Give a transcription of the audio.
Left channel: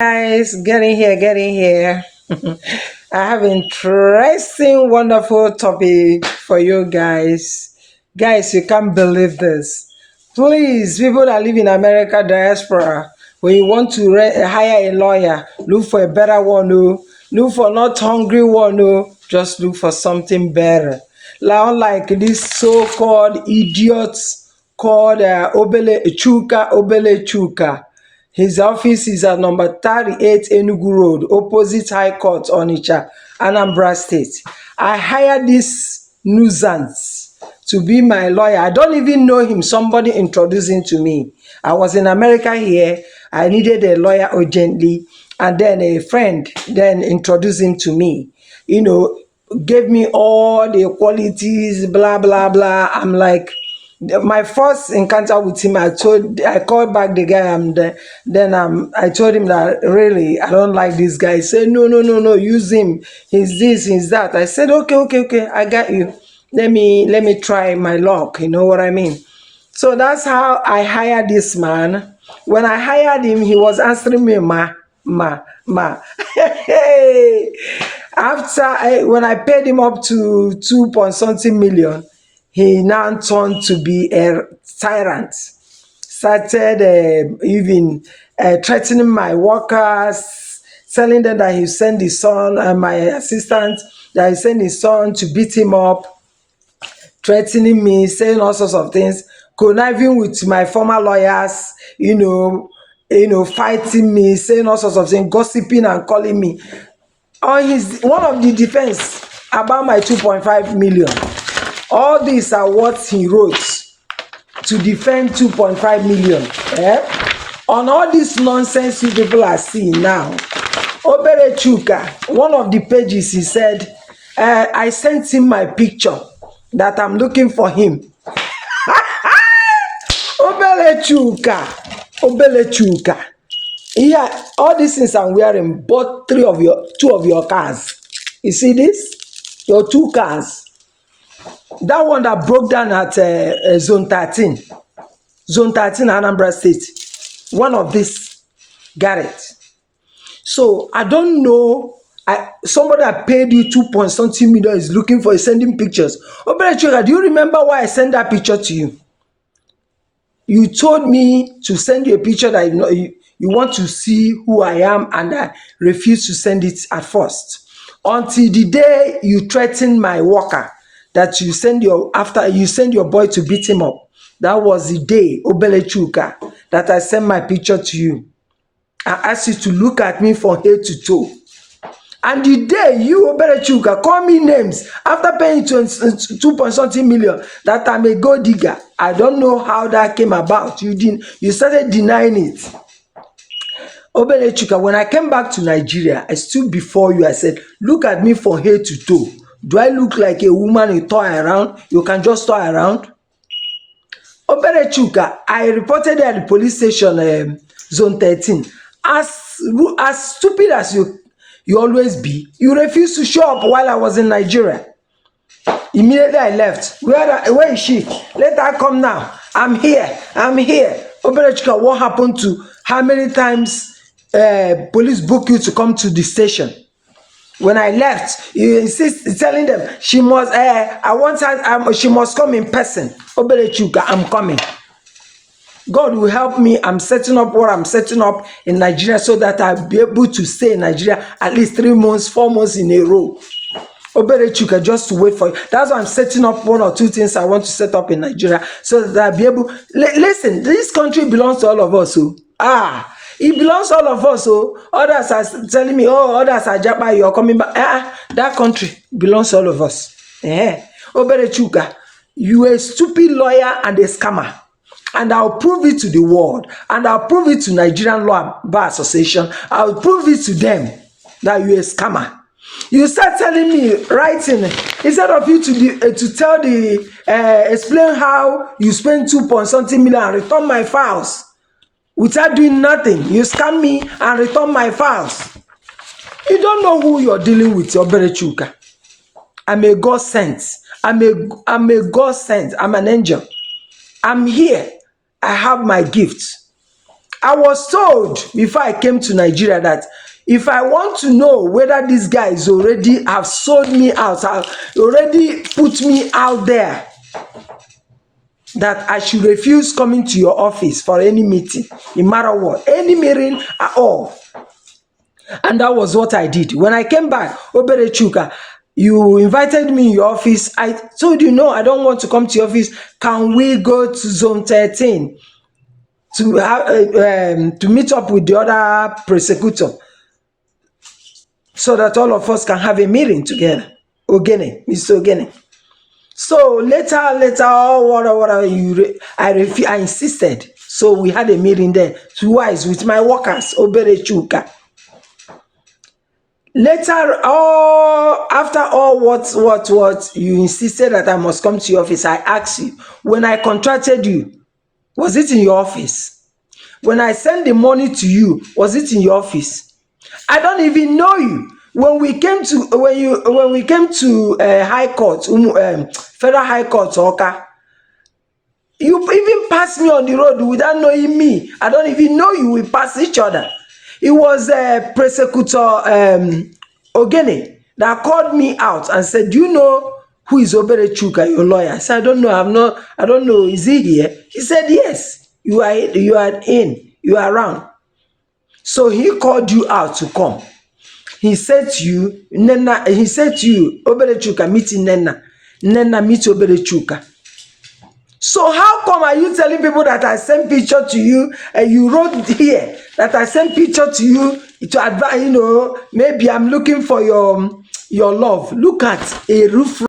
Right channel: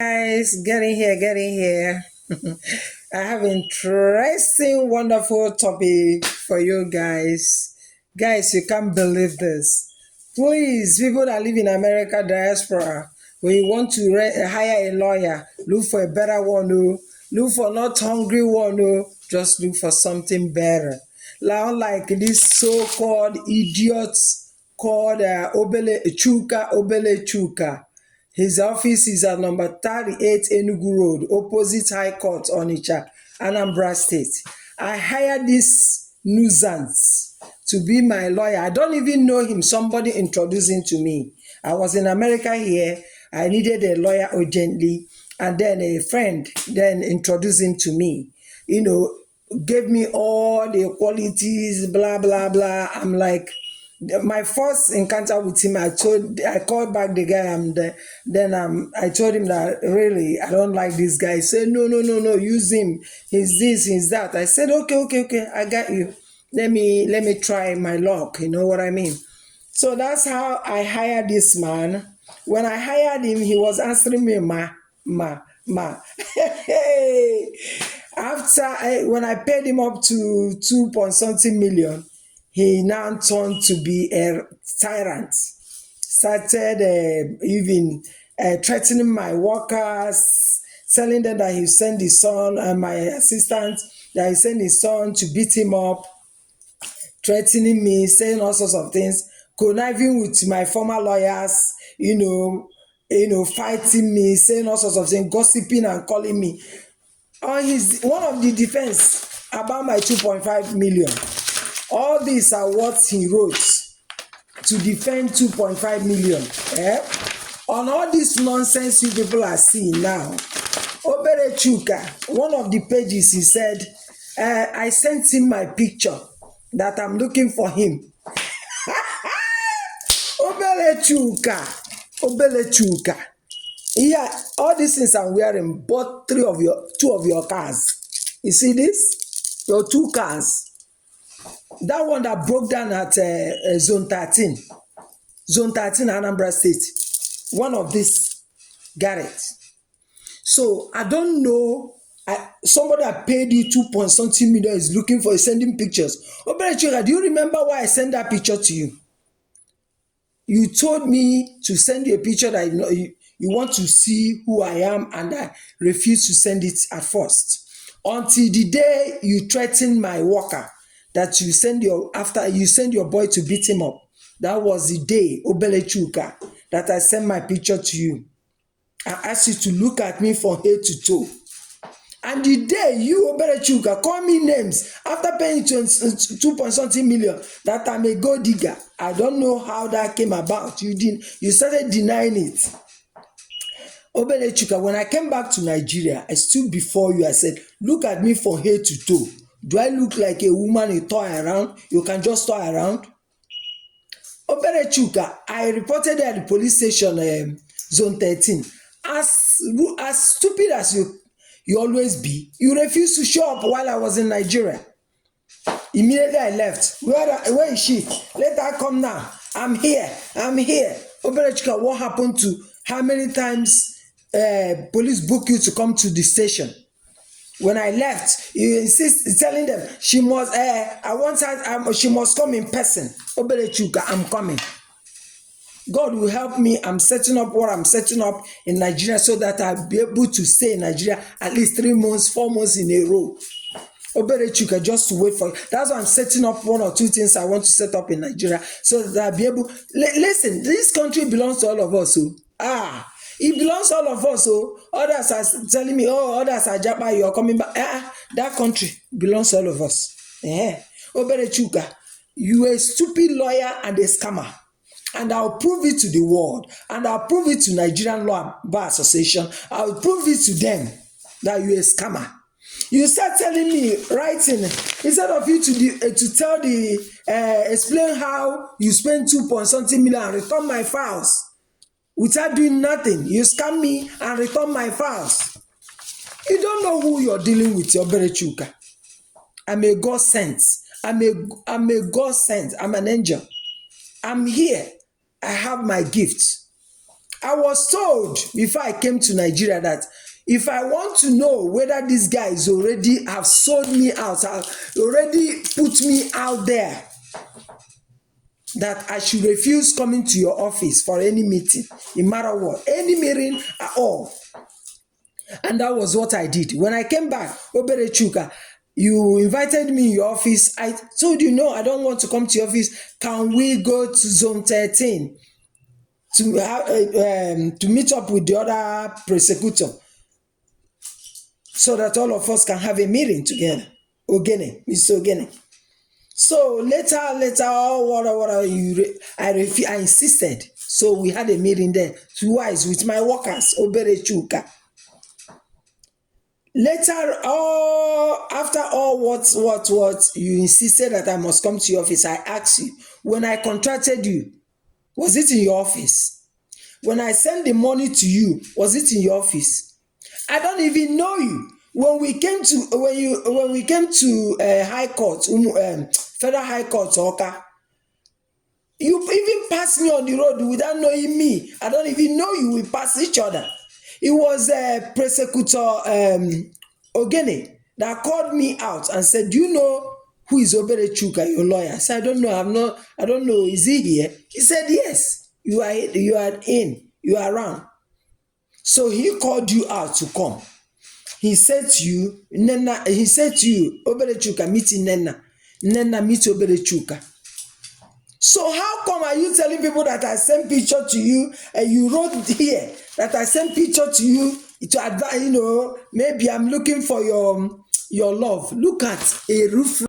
Guys, getting here, getting here. I have interesting, wonderful topic for you guys. Guys, you can't believe this. Please, people that live in America diaspora, when you want to hire a lawyer, look for a better one. No, look for not hungry one. No, just look for something better. Now, like this so-called idiots called Obele Chuka. His office is at number 38 Enugu Road, opposite High Court, Onitsha, Anambra State. I hired this nuisance to be my lawyer. I don't even know him. Somebody introduced him to me. I was in America here. I needed a lawyer urgently. And then a friend then introduced him to me. Gave me all the qualities, blah, blah, blah. I'm like, my first encounter with him, I called back the guy, and then I told him that really I don't like this guy. He said, no, no, no, no, use him. He's this, he's that. I said, okay, okay, okay, I got you. Let me try my luck. You know what I mean? So that's how I hired this man. When I hired him, he was answering me, ma. When I paid him up to 2 point something million, he now turned to be a tyrant. Started even threatening my workers, telling them that he sent his son and my assistant, that he sent his son to beat him up, threatening me, saying all sorts of things, conniving with my former lawyers, fighting me, saying all sorts of things, gossiping and calling me. On his one of the defense about my 2.5 million. All these are what he wrote to defend 2.5 million. On all this nonsense you people are seeing now, Obele Chuka, one of the pages, he said, I sent him my picture that I'm looking for him. Obele Chuka. Yeah, all these things I'm wearing bought two of your cars. You see this? Your two cars. That one that broke down at zone 13 Anambra State, one of this got it. So I don't know. Somebody that paid you 2 point something million is looking for sending pictures. Obele Chuka, do you remember why I sent that picture to you? You told me to send you a picture that you want to see who I am, and I refused to send it at first. Until the day you threatened my worker that you send your boy to beat him up. That was the day, Obele Chuka, that I sent my picture to you. I asked you to look at me from head to toe. And the day you, Obele Chuka, call me names after paying 2 point something million that I'm a gold digger. I don't know how that came about. You started denying it. Obele Chuka, when I came back to Nigeria, I stood before you. I said, look at me from head to toe. Do I look like a woman you toy around? You can just toy around? Obele Chuka, I reported at the police station, zone 13. As stupid as you always be, you refused to show up while I was in Nigeria. Immediately I left. Where is she? Let her come now. I'm here. Obele Chuka, what happened to how many times police book you to come to the station? When I left, you insist telling them she must. I want her. She must come in person. Obele Chuka, I'm coming. God will help me. I'm setting up what I'm setting up in Nigeria so that I'll be able to stay in Nigeria at least 3 months, 4 months in a row. Obele Chuka, just to wait for you. That's why I'm setting up 1 or 2 things I want to set up in Nigeria so that I'll be able. Listen, this country belongs to all of us. It belongs to all of us. Others are telling me, others are Japa, you're coming back. That country belongs to all of us. Obele Chuka, you a stupid lawyer and a scammer. And I'll prove it to the world. And I'll prove it to Nigerian Law Bar Association. I'll prove it to them that you're a scammer. You start telling me, writing, instead of you to tell explain how you spend 2 point something million and return my files. Without doing nothing, you scam me and return my files. You don't know who you're dealing with, Obele Chuka. I'm a God sent. I'm a God sent. I'm an angel. I'm here. I have my gifts. I was told before I came to Nigeria that if I want to know whether these guys already have sold me out, have already put me out there, that I should refuse coming to your office for any meeting, no matter what, any meeting at all. And that was what I did. When I came back, Obele Chuka, you invited me in your office. I told you, no, I don't want to come to your office. Can we go to zone 13 to have, to meet up with the other prosecutor so that all of us can have a meeting together? Ogene, Mr. Ogene. So later, I insisted. So we had a meeting there twice with my workers, Obele Chuka. Later, after all what you insisted that I must come to your office, I asked you, when I contracted you, was it in your office? When I sent the money to you, was it in your office? I don't even know you. When we came to High Court, Federal High Court, Oka, you even passed me on the road without knowing me. I don't even know you. We pass each other. It was Prosecutor Ogene that called me out and said, "Do you know who is Obele Chuka, your lawyer?" I said, "I don't know. I don't know. Is he here?" He said, "Yes. You are around." So he called you out to come. He said to you, Nnenna, Obele Chuka, meet Nnenna. Nnenna, meet Obele Chuka. So how come are you telling people that I sent picture to you and you wrote here that I sent picture to you to advise, maybe I'm looking for your love. Look at a roof